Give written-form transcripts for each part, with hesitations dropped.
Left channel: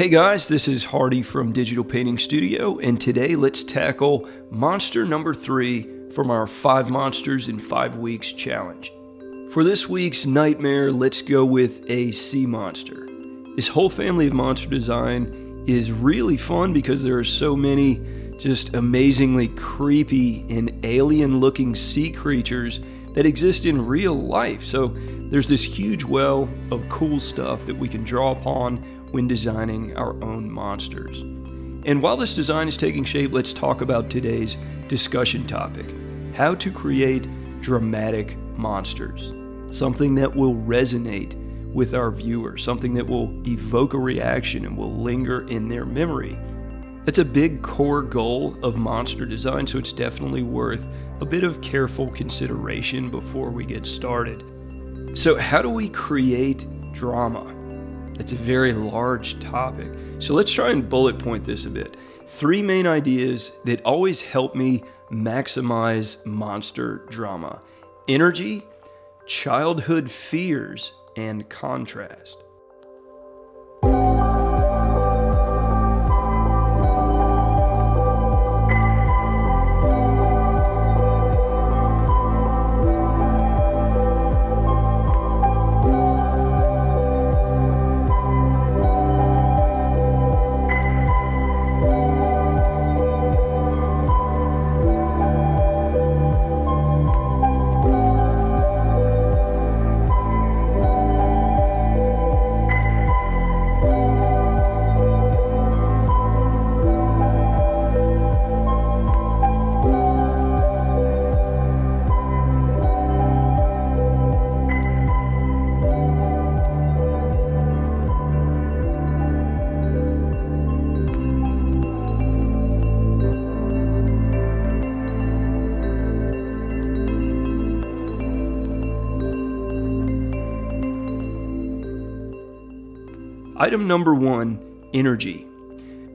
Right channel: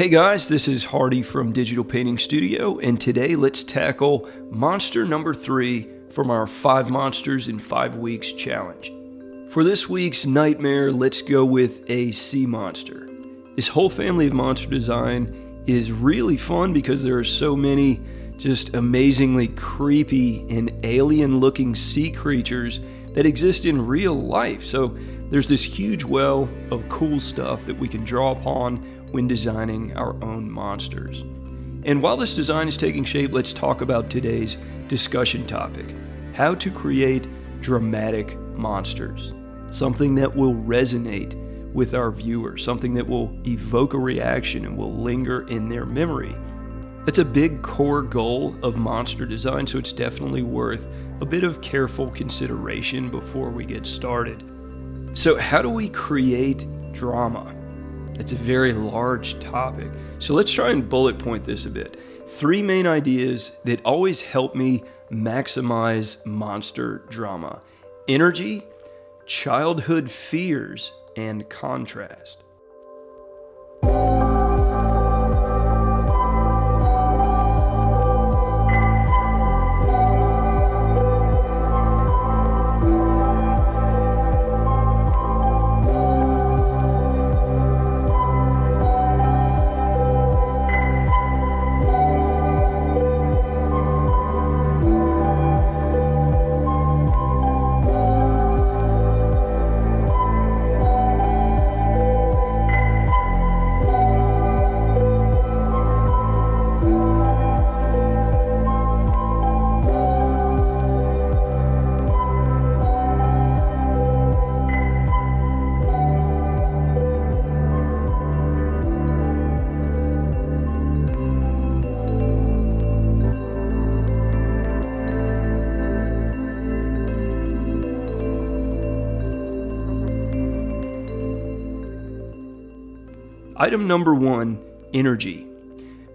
Hey guys, this is Hardy from Digital Painting Studio, and today let's tackle monster number 3 from our 5 Monsters in 5 Weeks challenge. For this week's nightmare, let's go with a sea monster. This whole family of monster design is really fun because there are so many just amazingly creepy and alien-looking sea creatures that exist in real life. So there's this huge well of cool stuff that we can draw upon when designing our own monsters. And while this design is taking shape, let's talk about today's discussion topic: how to create dramatic monsters. Something that will resonate with our viewers, something that will evoke a reaction and will linger in their memory. That's a big core goal of monster design, so it's definitely worth a bit of careful consideration before we get started. So how do we create drama? It's a very large topic. So let's try and bullet point this a bit. 3 main ideas that always help me maximize monster drama: energy, childhood fears, and contrast. Item number 1, energy.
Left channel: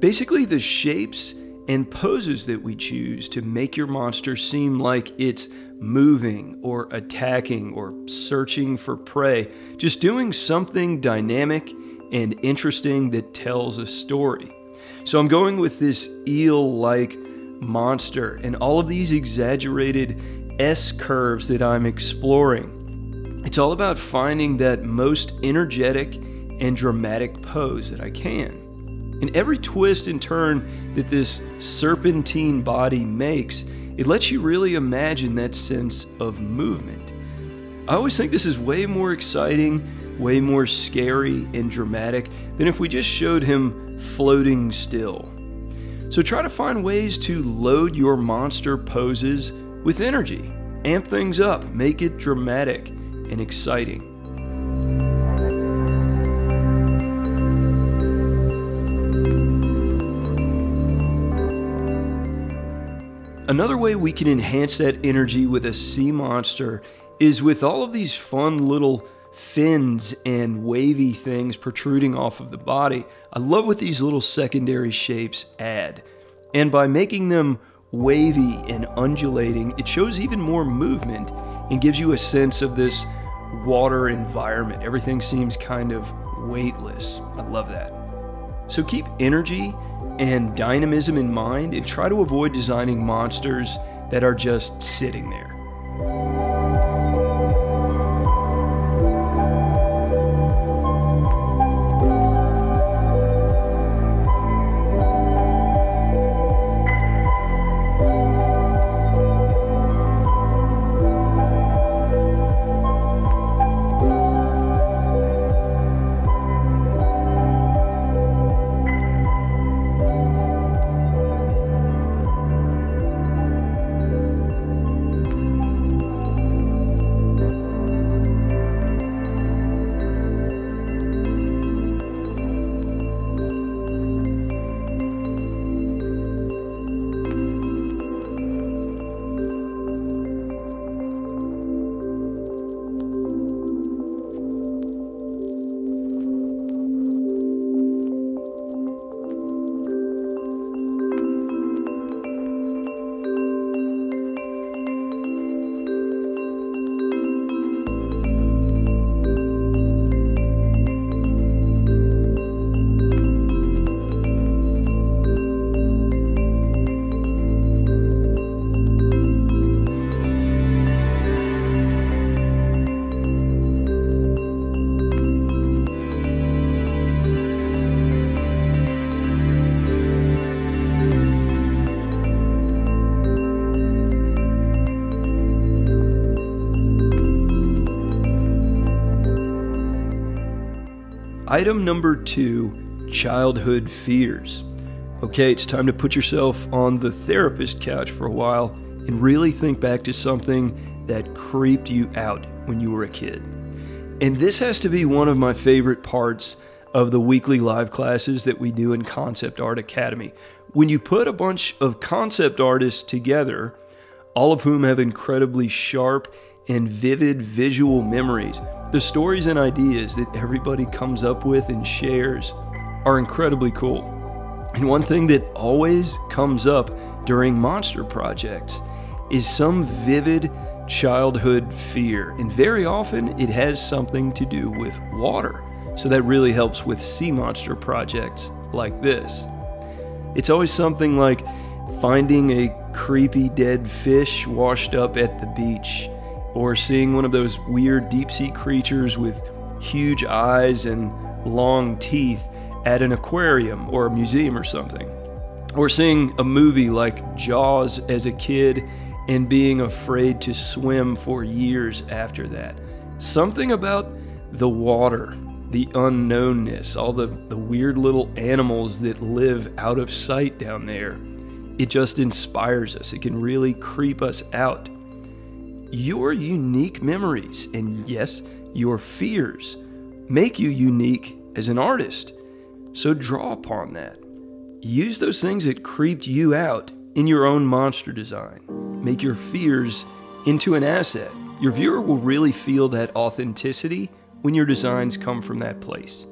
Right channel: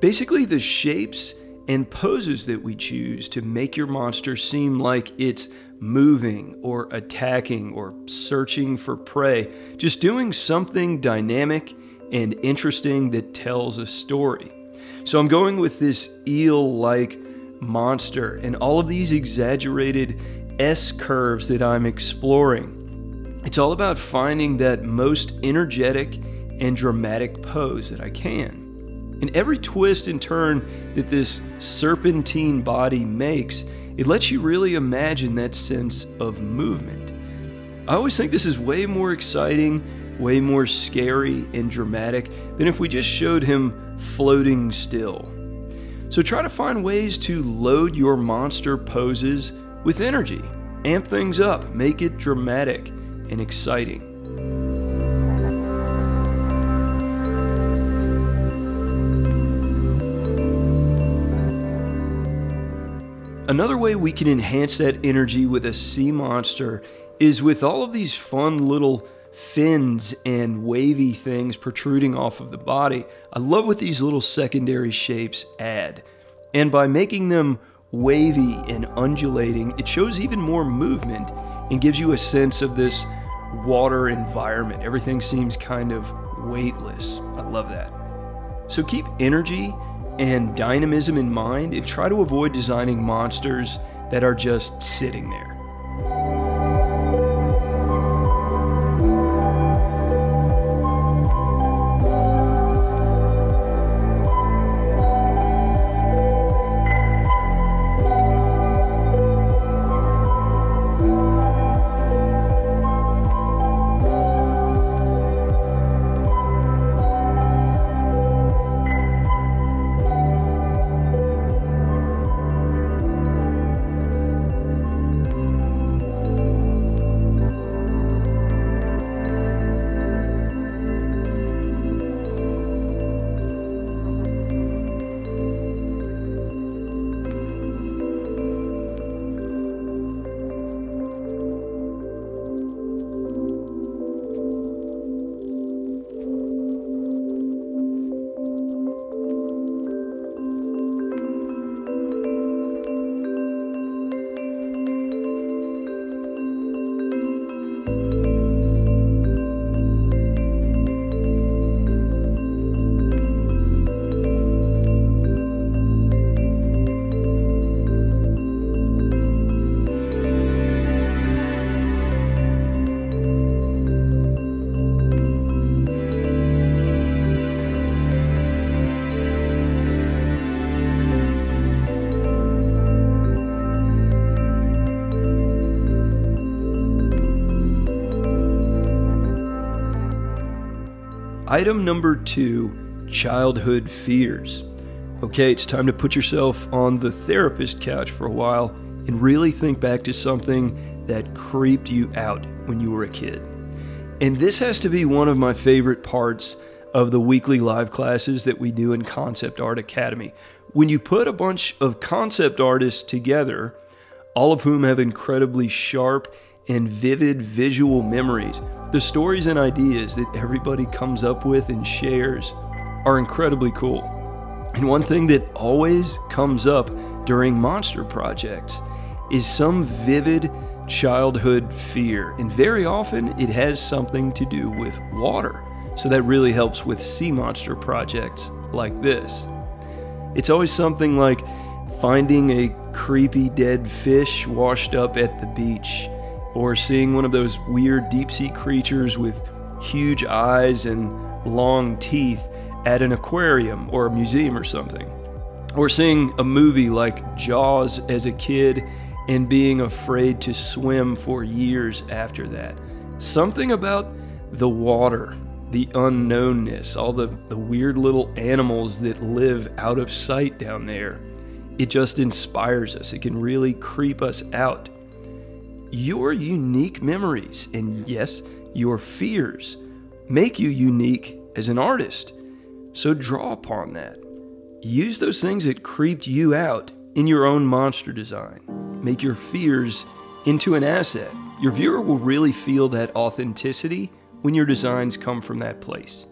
Basically the shapes and poses that we choose to make your monster seem like it's moving or attacking or searching for prey, just doing something dynamic and interesting that tells a story. So I'm going with this eel-like monster and all of these exaggerated S-curves that I'm exploring. It's all about finding that most energetic and dramatic pose that I can. And every twist and turn that this serpentine body makes, it lets you really imagine that sense of movement. I always think this is way more exciting, way more scary and dramatic than if we just showed him floating still. So try to find ways to load your monster poses with energy. Amp things up, make it dramatic and exciting. Another way we can enhance that energy with a sea monster is with all of these fun little fins and wavy things protruding off of the body. I love what these little secondary shapes add. And by making them wavy and undulating, it shows even more movement and gives you a sense of this water environment. Everything seems kind of weightless. I love that. So keep energy and dynamism in mind and try to avoid designing monsters that are just sitting there. Item number 2, childhood fears. Okay, it's time to put yourself on the therapist couch for a while and really think back to something that creeped you out when you were a kid. And this has to be one of my favorite parts of the weekly live classes that we do in Concept Art Academy. When you put a bunch of concept artists together, all of whom have incredibly sharp and vivid visual memories, the stories and ideas that everybody comes up with and shares are incredibly cool. And one thing that always comes up during monster projects is some vivid childhood fear. And very often it has something to do with water. So that really helps with sea monster projects like this. It's always something like finding a creepy dead fish washed up at the beach, or seeing one of those weird deep sea creatures with huge eyes and long teeth at an aquarium or a museum or something. Or seeing a movie like Jaws as a kid and being afraid to swim for years after that. Something about the water, the unknownness, all the weird little animals that live out of sight down there. It just inspires us. It can really creep us out. Your unique memories, and yes, your fears, make you unique as an artist. So draw upon that. Use those things that creeped you out in your own monster design. Make your fears into an asset. Your viewer will really feel that authenticity when your designs come from that place.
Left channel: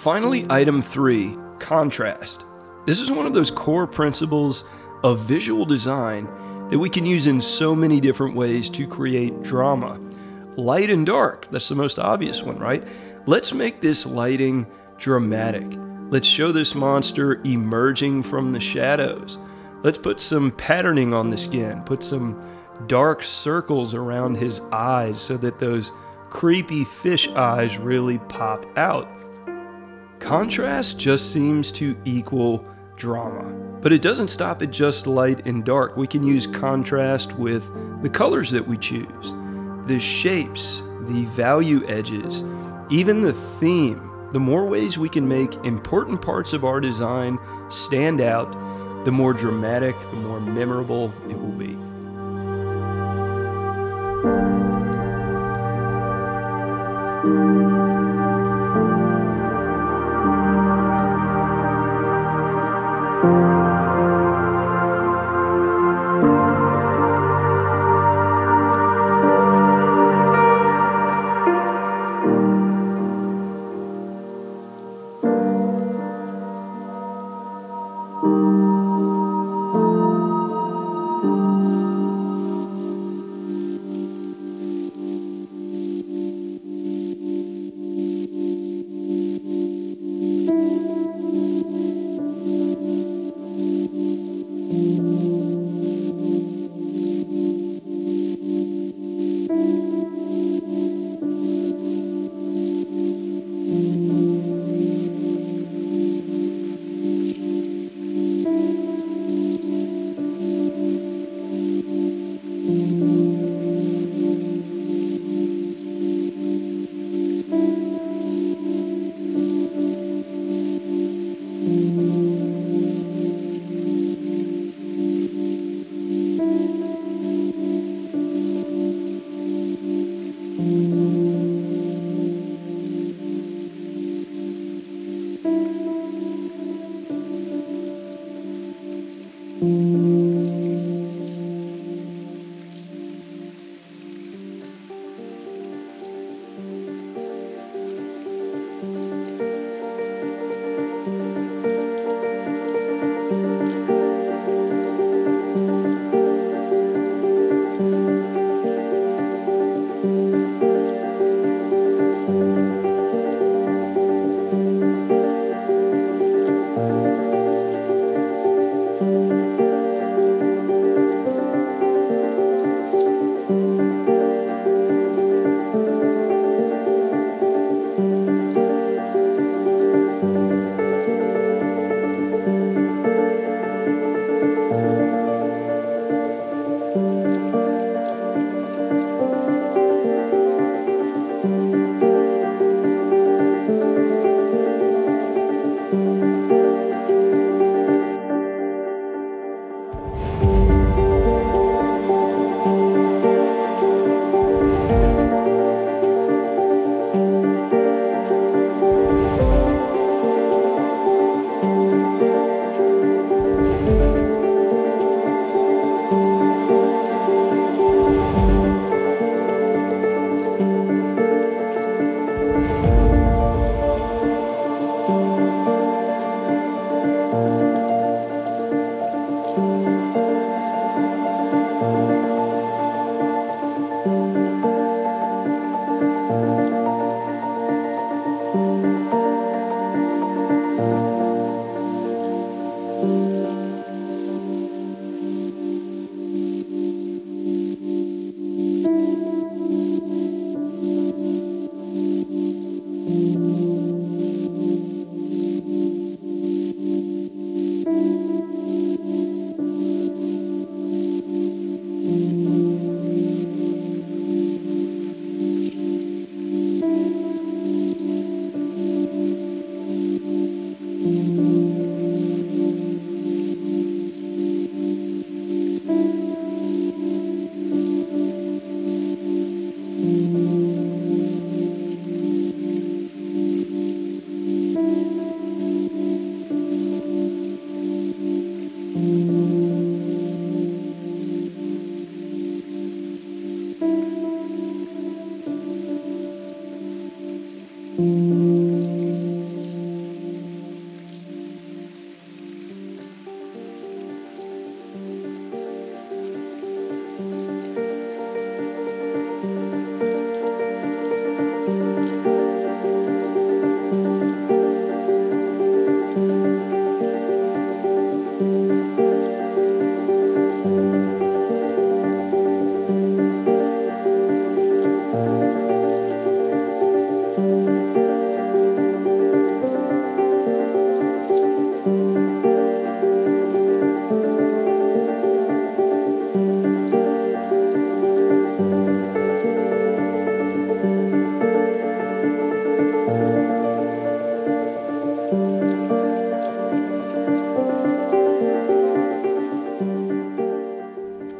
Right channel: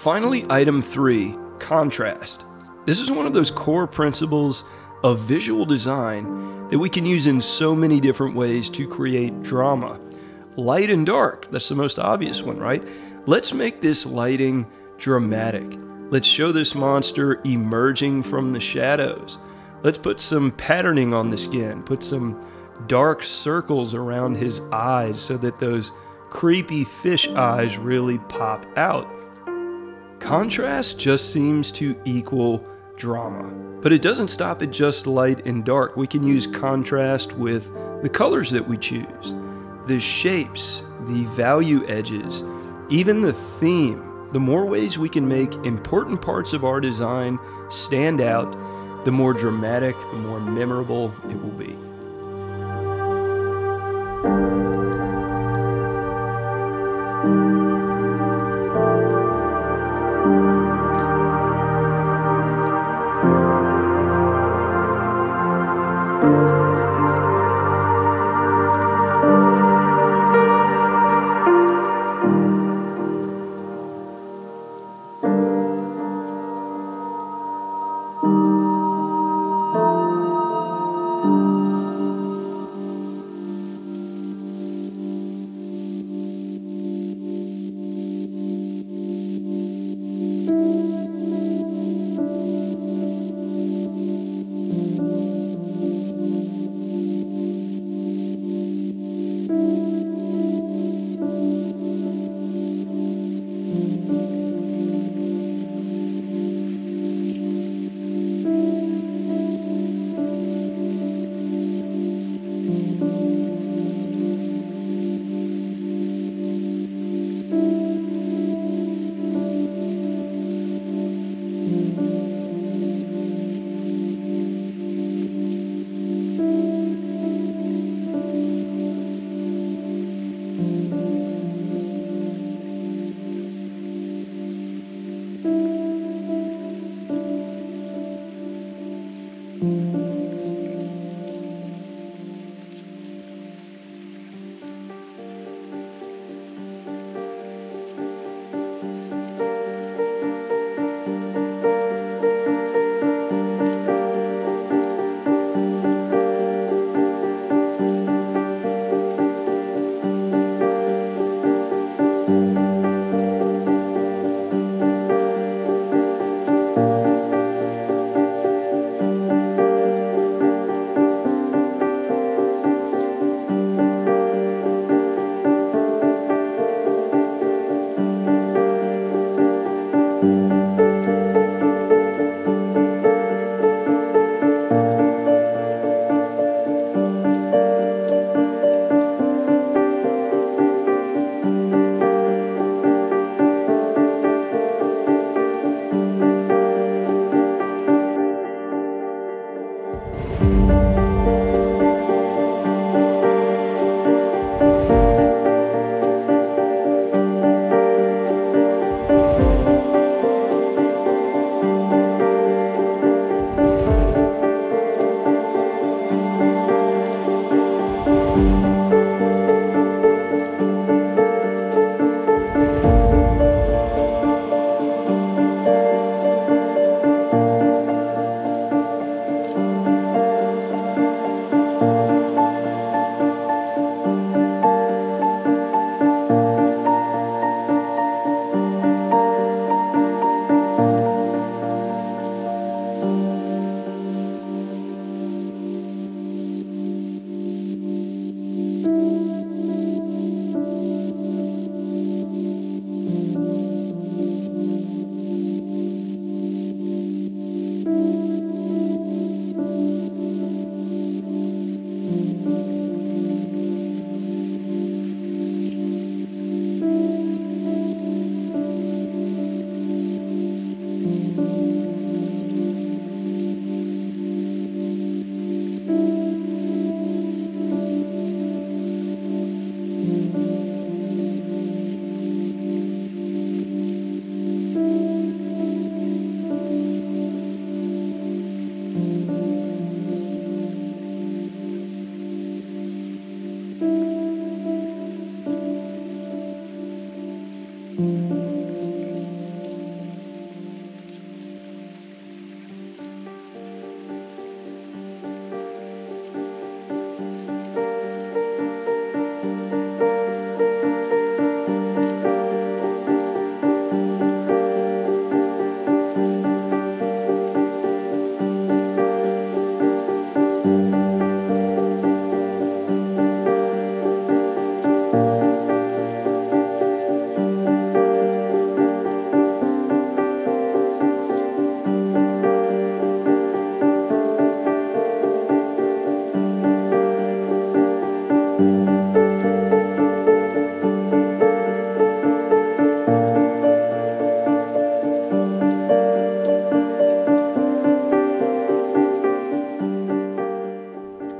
Finally, item 3, contrast. This is one of those core principles of visual design that we can use in so many different ways to create drama. Light and dark, that's the most obvious one, right? Let's make this lighting dramatic. Let's show this monster emerging from the shadows. Let's put some patterning on the skin, put some dark circles around his eyes so that those creepy fish eyes really pop out. Contrast just seems to equal drama, but it doesn't stop at just light and dark. We can use contrast with the colors that we choose, the shapes, the value edges, even the theme. The more ways we can make important parts of our design stand out, the more dramatic, the more memorable it will be.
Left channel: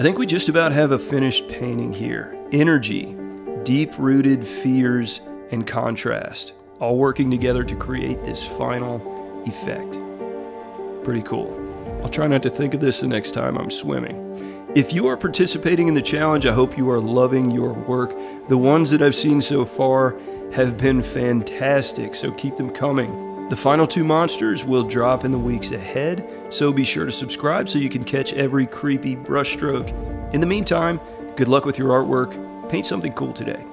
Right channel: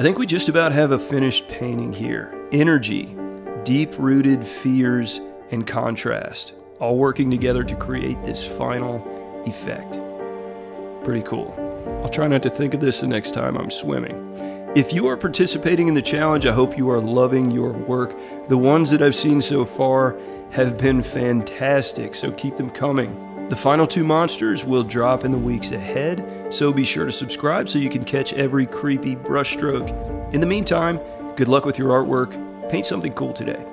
I think we just about have a finished painting here. Energy, deep-rooted fears, and contrast, all working together to create this final effect. Pretty cool. I'll try not to think of this the next time I'm swimming. If you are participating in the challenge, I hope you are loving your work. The ones that I've seen so far have been fantastic, so keep them coming. The final 2 monsters will drop in the weeks ahead, so be sure to subscribe so you can catch every creepy brushstroke. In the meantime, good luck with your artwork. Paint something cool today.